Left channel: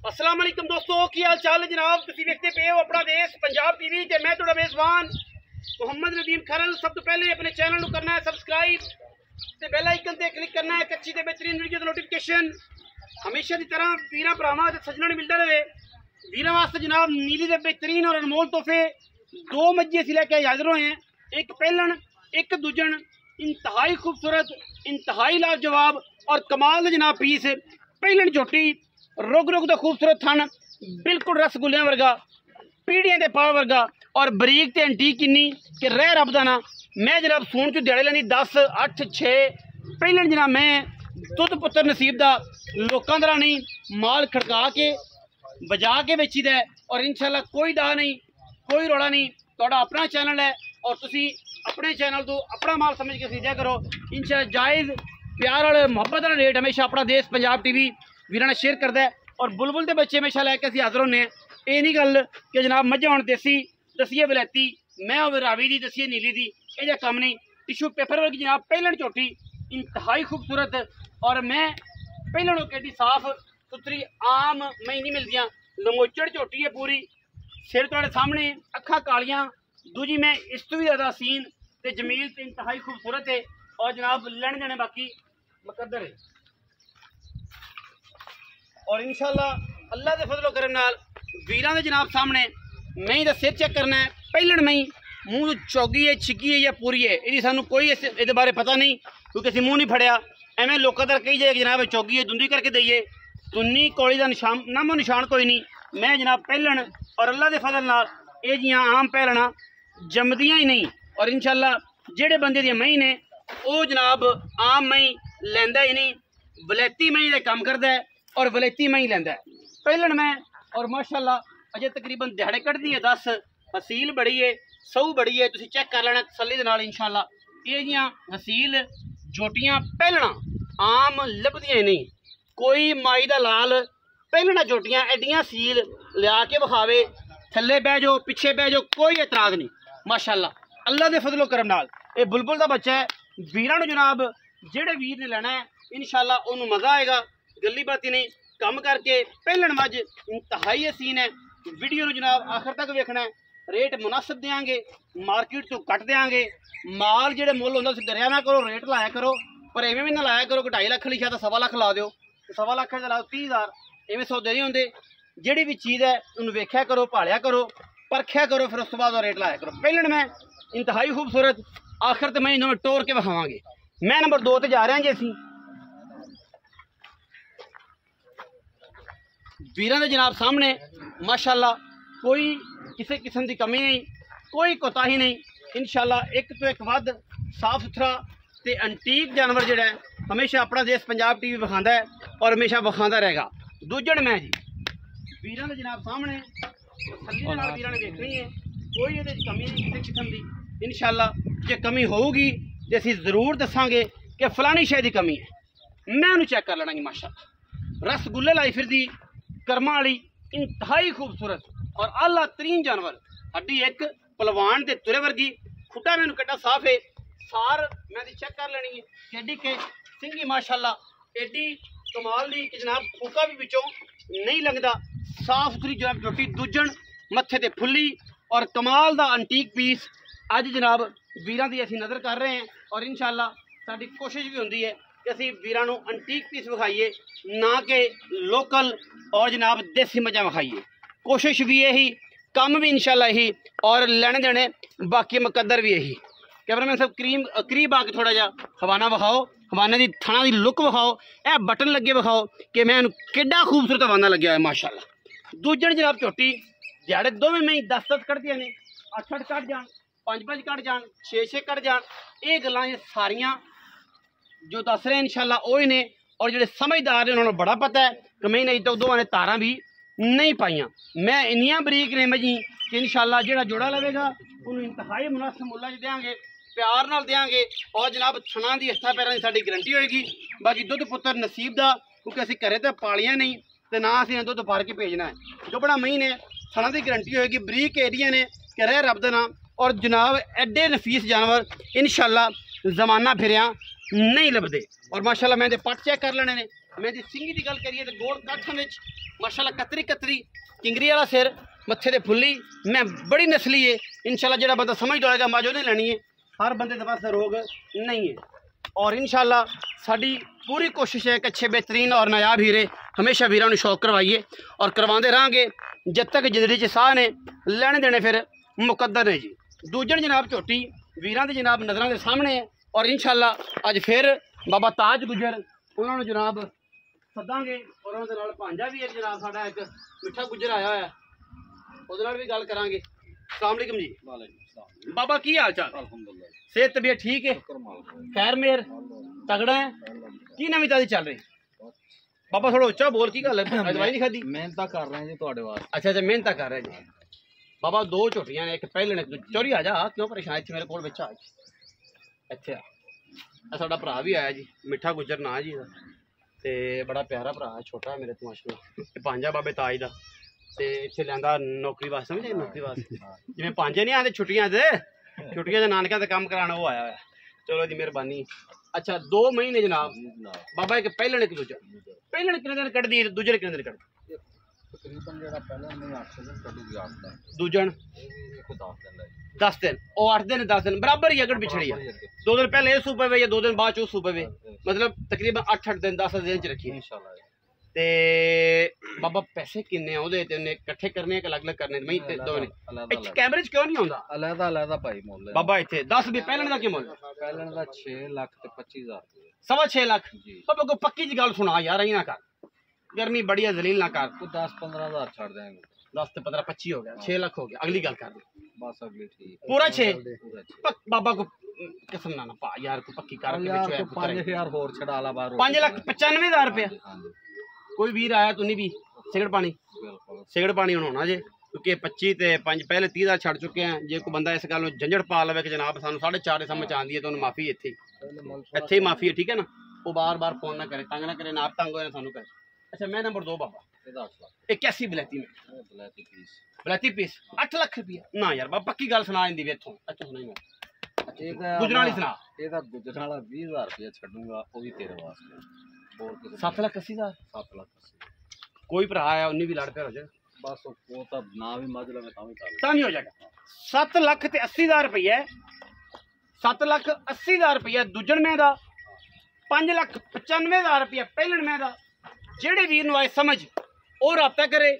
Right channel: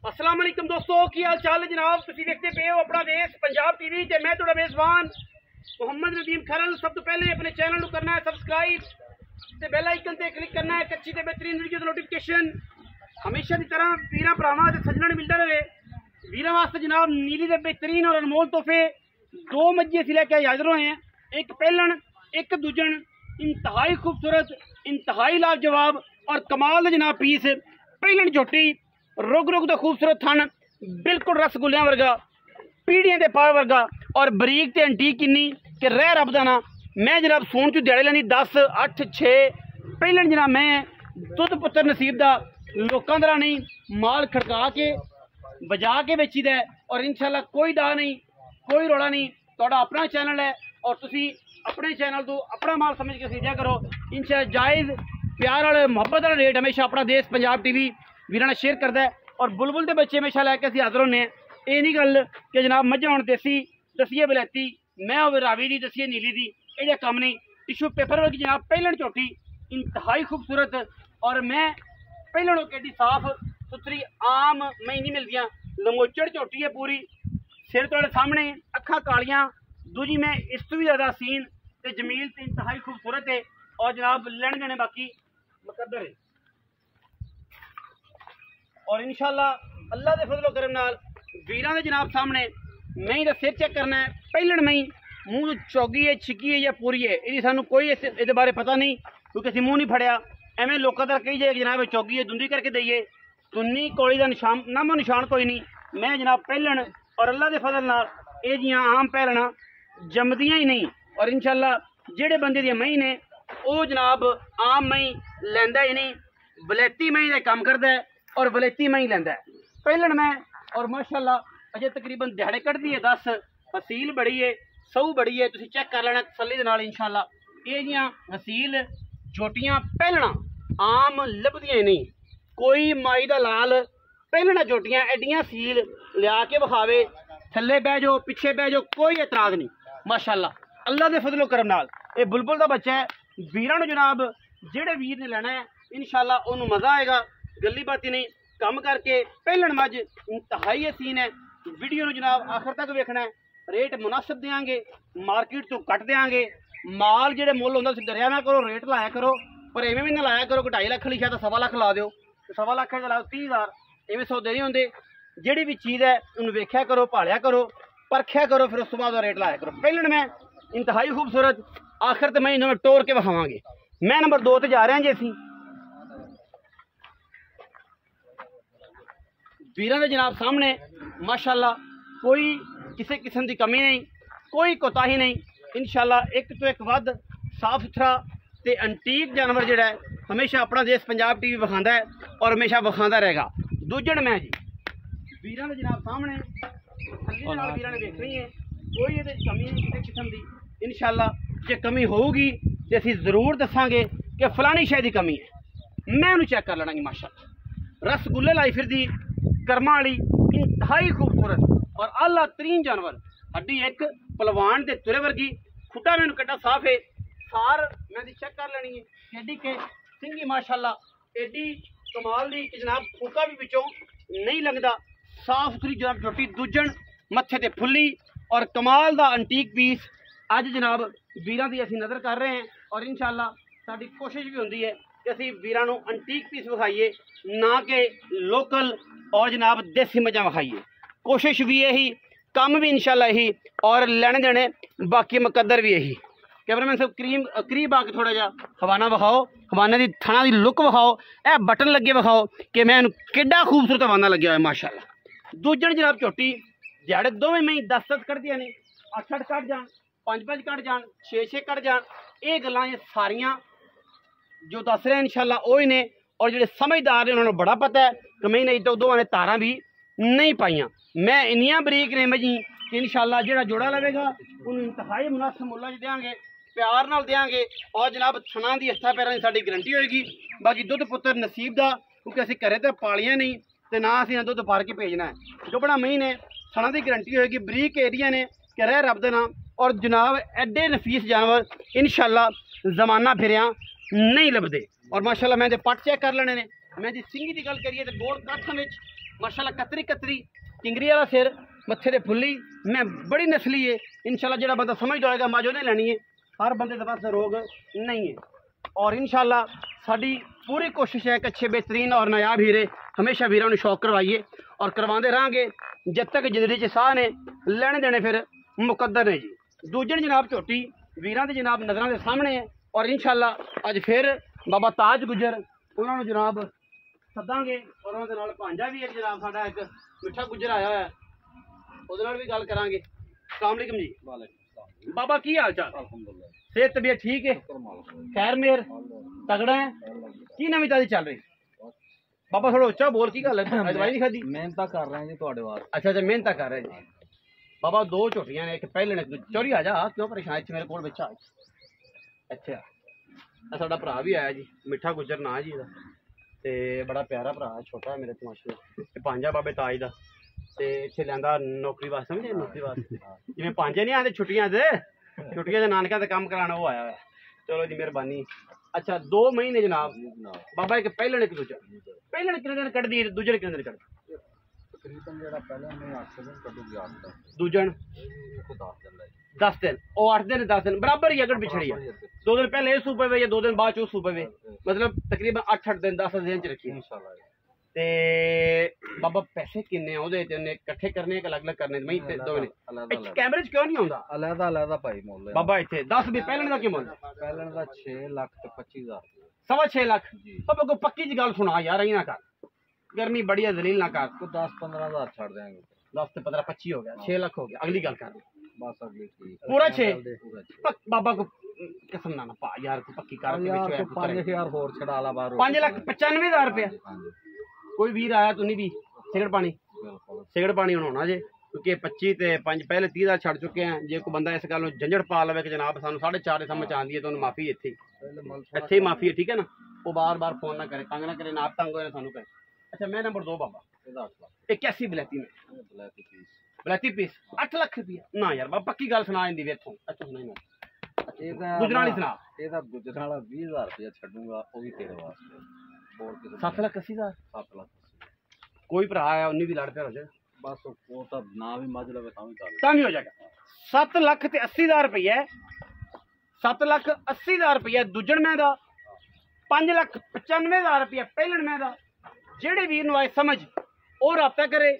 अस्सलाम वालेकुम दोस्तों, की हाल चाल है जनाब। तुसीं देखते पे हो अपना देश पंजाब टीवी ते मैं तुहाडा मेज़बान मोहम्मद नदीम खरल। सब तो पहले अपने चैनल को करना है सबसक्राइब ते बेल आइकन ते क्लिक करना है। अच्छी ते बेहतरीन वीडियो नोटिफिकेशन हमेशा की तरह वीरां भरावां ते सज्जणां मिलता रहे। वीरां वास्ते जनाब नीली दे बेहतरीन और अनमोल तोहफे दो मज्जी असीं लैके हाज़र होए हैं। एक पहलन एक दूजन, इंतहाई खूबसूरत, इंतहाई लाजवाब और कमाल दे जनाब पीस। पहलन झोटी रुग रुग दा खूबसूरत थन, बिल्कुल रसगुल्लियां वर्गा, पीढ़ियां दे पाव वर्गा और बरीक ते अंटीक किन्नी कि रह रब दा ना। मैं जनाब सून चू दिहाड़े लैनी 10, 8, 6। पहलन जनाब मैं दुध पुत्तर नसीब दा लोकां दा नहीं माल खड़का के बजा के बेची दा और इंशाल्लाह कोई डा नहीं, कोई रोड़ा नहीं। तुहाडा अपना चैनल है और तुसी अपने चैनल तो अपना माल समझ के खरीदा करो। इंशाल्लाह जायज़ प्यार वाले मुहब्बत वाले रेट हमेशा अपना देश पंजाब टीवी वीरां शेयर करता है। और बुलबुल के बच्चे हमेशा लैके असीं हाज़र होने। ये नहीं गल कि जनाब मझां होण देसी दसिए वलैती, मैं होवे रावी दी दसिए नीली दी, ये कम नहीं। टिशू पेपर वर्गी जनाब पहलन झोटी इंतहाई खूबसूरत और मैं पहलन केडी साफ सुथरी आम मई नहीं मिलदियां। लमोचड़ झोटी है पूरी, सिर तुहाडे सामने, अखां कालियां। दूजी मैं इस तो भी ज़्यादा हसीन ते जमील ते इंतहाई खूबसूरत है और जनाब लैण देने बाकी मुकद्दर है। और इंशाल्लाह अल्लाह के फजलो करम नाल वीरां दे जनाब सामने मई दा सिर चेक करना है। पहलन मई मूँह चौगी है, छिकी है या पूरी है, ये सानू कोई इस बारे पता नहीं क्योंकि असीं मूँह नहीं फड़िया। एवें लोगों तक कही जाए कि जनाब चौगी है, दुंदी करके दईए, सुन्नी कौड़ी का निशान नामो निशान कोई नहीं। मैं जनाब पहलन और अल्लाह के फजल नाल ये जियां आम पहलना जमदियां ही नहीं। और इंशाल्लाह जेड़े बंदे दी मई ने वो जनाब आम मई लैंदा ही नहीं, वलैती मई का काम करता है और वलैती मई लैंदा है। पहलन मैं और माशाल्लाह अजे तकरीबन दिहाड़े कटदी है 10। हसील बड़ी है, सऊ बड़ी है, तुसीं चेक कर लेना तसल्ली दे नाल। इंशाल्लाह ये जियां हसील झोटियां पहलना आम लभदियां ही नहीं। कोई माई दा लाल पहलना झोटियां एडियां सील लिया के विखावे, थल्ले बह जाओ पिछे बह जाओ, कोई एतराज़ नहीं। माशाल्लाह अल्लाह के फजलो करम नाल ये बुलबुल का बच्चा है। वीरां नूं जनाब जेड़े वीर ने लेना है इंशाल्लाह उन्होंने मज़ा आएगा। गली बाती नहीं कम करके पहलन मज इंतहाई हसीन है। वीडियो नूं जनाब आखिर तक वेखना है। रेट मुनासिब देंगे, मार्केट तो घट देंगे। माल जेड़े मुल होंदा तुसीं डरिया ना करो, रेट लाया करो, पर इवें भी ना लाया करो कि 2.5 लाख लिखा तो 1.25 लाख ला दो, 1.25 लाख का लाओ 30,000। इवें सौदे नहीं होंदे। जिहड़ी भी चीज़ है उन्हें वेख्या करो, भालिया करो, परख्या करो, फिर उस तो बाद रेट लाया करो। पहलन मैं इंतहाई खूबसूरत, आखिर तो मैं इन्होंने टोर के विखावांगे। मैं नंबर 2 ते जा रहा जी। असीं वीरां दे जनाब सामने माशाल्लाह कोई किसी किस्म की कमी नहीं, कोई कोताही नहीं। इंशाल्लाह एक तो एक वध साफ सुथरा ते अंटीक जानवर जिहड़ा है हमेशा अपना देश पंजाब टीवी विखांदा है और हमेशा विखांदा रहेगा। दूजण मैं जी वीरां दे जनाब सामने तसल्ली दे नाल वीरां ने देखनी है, कोई ये कमी नहीं किसी किस्म की। इंशाल्लाह जे कमी होगी तो असीं जरूर दसांगे कि फलानी शै दी कमी है। मैं उन्हें चेक कर लेना जी। माशाल्लाह रसगुल्ले लाई फिरदी कर्मा वाली इंतहाई खूबसूरत और आला तरीन जानवर। हड्डी एक पलवान के तुरे वर्गी, खुटा मैनू कड्डा साफ है। सार मैं चेक कर लेनी है, एडी के सिंगी माशाल्लाह एडी कमाल दी कि जनाब फूका भी बिचों नहीं लगता। साफ सुथरी जनाब झोटी, दूजण मत्थे ते फुल्ली और कमाल दा अंटीक पीस अज जनाब वीरां दी असीं नज़र कर रहे हैं। और इंशाल्लाह साडी कोशिश भी होंदी है कि असीं वीरां नूं अंटीक पीस विखाइए, ना कि लोकल और जनाब देसी मजा विखाइए। कोशिश भी यही, काम भी इंशाल्लाह यही और लेने देने बाकी मुकद्दर भी यही। कैमरामैन साहब करीब आके थोड़ा जा हवाना विखाओ, हवाने की थणा की लुक विखाओ, यह बटन लगे विखाओ कि मैं किड्डा खूबसूरत हवाना लग्या है माशाल्लाह। दूजण जनाब झोटी दिहाड़े दोवें में 10-10 कटदियां ने, 8-8 कट जान, 5-5 कट जान, 6-6 कट जान। ये गल्लां सारियां जो दस रहे हैं इंशाल्लाह वही ने। और जो समझदार ने उन्होंने बड़ा पता है कि मैं नहीं तो दो ने तारा भी नहीं पाइया। मैं इन्नियां बरीक ने मजी कि इंशाल्लाह जो जोड़ा लवेगा उन्होंने इंतहाई मुनासिब मुल्ला देंगे, प्यार नाल देंगे और जनाब थणा की हत्था पैरों की साडी गारंटी होएगी। बाकी दुध पुत्तर नसीब का, क्योंकि असीं घरे तो पालियां नहीं तो ना असीं दुध भर के भेजना है। जो बड़ा मई ने थणा की गारंटी होएगी, बरीक एडियां ने कि रह रब दे नाम। और जनाब एडे नफीस जानवर इंशाल्लाह जमाना फिरिया नहीं लभदे। और माशाल्लाह मैं पट चेक कर लेने ने। मैं जी सिंगी की गल करिए तो गोल काठा माशाल्लाह कतरी कतरी किंगरी वाला सिर मत्थे ते फुल्ली मैं बड़ी नस्ली है इंशाल्लाह जो बंदा समझदा होएगा मौज नहीं लेनी है हर बंदे के पास रोग नहीं है और इंशाल्लाह साडी पूरी कोशिश है कि अच्छे बेहतरीन और नायाब हीरे हमेशा वीरां नूं शौक करवाइए और करवाते रहेंगे जब तक जिंदगी च साह ने लेने देने फिर मुकद्दर ने जी दूजन जनाब झोटी वीरां दी जनाब नज़रां दे सामने है और इंशाल्लाह अज फिर बाबा ताज गुजर उन्होंने जनाब सदांगे और उन्होंने नाल भांजा भी एक जनाब साडा एक मिठा गुजर आया है ਉਹਦੇ ਨਾਲ भी गल करांगे अस्सलाम वालेकुम जी वालेकुम बाबा की हाल चाल अल्हम्दुलिल्लाह सेहत तबीयत ठीक है खैर मेहर तगड़ा है की नवी ताजी चल रही बाबा थोड़ा उच्चा बोल की गल है दवाई नहीं खादी मेहनत कर रहे हैं जी ਤੁਹਾਡੇ ਵਾਸਤੇ अच्छा अच्छा मेहनत कर रहे हैं जी बाबा दो झोटियां ने एक पहले ने चोरी आ जा क्यों परेशान इत्थे मेरे कोल बच्चा ਇੱਥੇ ਆ ਸਾਡਾ ਭਰਾ ਵੀ ਆਇਆ ਜੀ ਮਿੱਠਾ ਗੁੱਜਰ ਨਾਂ ਜੀ ਦਾ ਤੇ ਬੜਾ ਪਿਆਰਾ ਭਰਾ ਹੈ ਛੋਟਾ ਹੈ ਮੇਰੇ ਤੋਂ ਮਾਸ਼ਾਅੱਲਾ ਤੇ ਪੰਜਾ ਬਾਬੇ ਤਾਜ ਦਾ ਤੇ ਇੱਥੇ ਲਿਆਂਦਾ ਨੌਕਰੀ ਵਾਸਤੇ ਸਮਝੇ ਨੌਕਰੀ ਵਾਸਤੇ ਜਿਵੇਂ ਪੰਜੇ ਨਹੀਂ ਆਉਂਦੇ ਛੁੱਟੀਆਂ ਦੇ ਨਾਨਕਿਆਂ ਤੇ ਕੰਮ ਕਰਾਉਣਾ ਉਹ ਆਇਆ ਹੋਇਆ ਚਲੋ ਜੀ ਮਿਹਰਬਾਨੀ अच्छा 2 महीने जनाब बाबा एक पहले एक दूजा पहले कितने दिन कट दी दूजे कितने दिन कट तकरीबन जेड़ा पहले मैं 8 दिन कटूगी 8 दिन दूजन को 10 दिन लगे 10 दिन और 8 दिन 10 दिन बराबर ही अगर पिछड़ी है 2 दिन पहले ये सूबे में या 2 दिन बाद चो सूबे में मतलब तकरीबन 8 दिन 10 दिन च रखी इंशाल्लाह ते बाबा पैसे किन्ने ओदे ते ने इकट्ठे करने के अलग अलग करने मैं ते दो ने इस कैमरे च क्यों नहीं आंदा अलग अलग भाई मोल बाबा इथे 10 भी पहले दा की मोल पहले दा 6 लाख ते 25000 6.5 लाख जी बाबा को पक्की जी गल सुना यार ही ना कर गर्मी बड़ी है जलील ना कर तो 10-15,000 छोड़ देंगे 10 ते 15 25 हो गया 6 लाख हो गया अगली गल कर बस अगली ठीक पूरा 6 बाबा को कसम ना पा यार को पक्की कर के यार 5000 और छड़ा ला बाहर 5,95,000 रुपया हां जी कोई वीर आया तो नहीं भी सिगड़ पानी बिल्कुल सिगड़ पानी होना जे क्योंकि 25 ते 5 पहले 30,000 छड़ चुके हैं जे कोई बंदा इस गल झंझट पा लवे कि जनाब सानू 4.5 समझ आंदी है तो माफी इत्थे ही माफी है ठीक है ना वो बार बार फोन ना करे तंग ना करे ना आप तंग होए सानू कहे अच्छा मैं नंबर 2 बाबा 8 लाख 81 बलैती में बलैती पीस पीस 8 लाख रुपया ना यार बाबा पक्की गल सुना इंदी वे इथों अच्छा सुनाई मैं ਇਹਦਾ ਗੁਜਰਾਲੀ ਸੁਣਾ ਇਹਦਾ ਗੁਜਰਾਲਾ 20000 ਰੁਪਏ ਛੱਡੂਗਾ ਉਹ ਵੀ ਤੇਰੇ ਵਾਸਤੇ ਹੋਰ ਕਿਸੇ 7,80,000 7 ਲੱਖ कोई भरा आया उन्नी भी लड़ पे हो जाएगा बस वो तो ना भी मज लवे ता भी नहीं हो जाएगा 7,80,000 रुपया 7,80,000 रुपया दूजन में दा 5,95,000 रुपया पहलन में दा जेड़े वीर नु आए समझ और राब्ता करे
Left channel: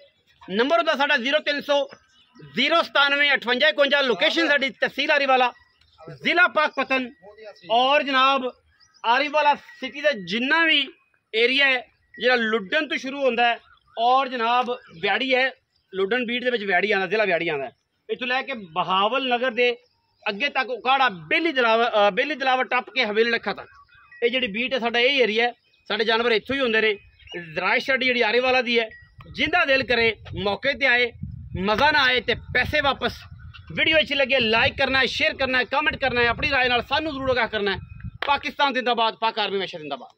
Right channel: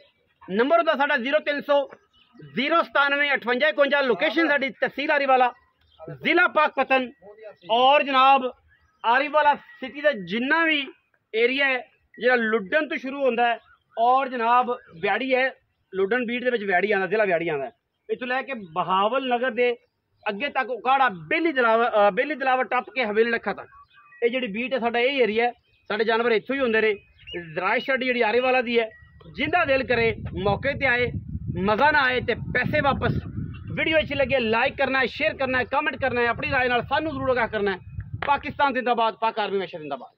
नंबर होता साडा 0300 097 58 51 लोकेशन साडी तहसील आरीवाला जिला पाकपतन और जनाब आरीवाला सिटी का जिन्ना भी एरिया है ਜਿਹੜਾ ਲੁੱਡਨ ਤੋਂ ਸ਼ੁਰੂ ਹੁੰਦਾ ਹੈ ਔਰ ਜਨਾਬ ਵਿਆੜੀ ਹੈ ਲੁੱਡਨ ਬੀਟ ਦੇ ਵਿੱਚ ਵਿਆੜੀ ਆਉਂਦਾ ਜ਼ਿਲ੍ਹਾ ਵਿਆੜੀ ਆਉਂਦਾ ਇੱਥੋਂ ਲੈ ਕੇ ਬਹਾਵਲ ਨਗਰ ਦੇ ਅੱਗੇ ਤੱਕ ਉਕਾੜਾ ਬੇਲੀ ਦਲਾਵਰ ਟੱਪ ਕੇ ਹਵੇਲੀ ਲੱਖਾ ਤੱਕ ਇਹ ਜਿਹੜੀ ਬੀਟ ਹੈ ਸਾਡਾ ਇਹ ਏਰੀਆ ਹੈ ਸਾਡੇ ਜਾਨਵਰ ਇੱਥੋਂ ਹੀ ਹੁੰਦੇ ਨੇ ਰਾਇਸ਼ ਸਾਡੀ ਜਿਹੜੀ ਆਰੀਵਾਲਾ ਦੀ ਹੈ ਜਿੰਦਾ ਦਿਲ ਕਰੇ ਮੌਕੇ ਤੇ ਆਏ ਮਜ਼ਾ ਨਾ ਆਏ ਤੇ ਪੈਸੇ ਵਾਪਸ ਵੀਡੀਓ ਅੱਛੀ ਲੱਗੇ ਲਾਈਕ ਕਰਨਾ ਹੈ शेयर करना है कमेंट करना है अपनी राय ਨਾਲ ਸਾਨੂੰ ਜ਼ਰੂਰ ਆਗਾਹ करना है पाकिस्तान जिंदाबाद पाक आर्मी हमेशा जिंदाबाद।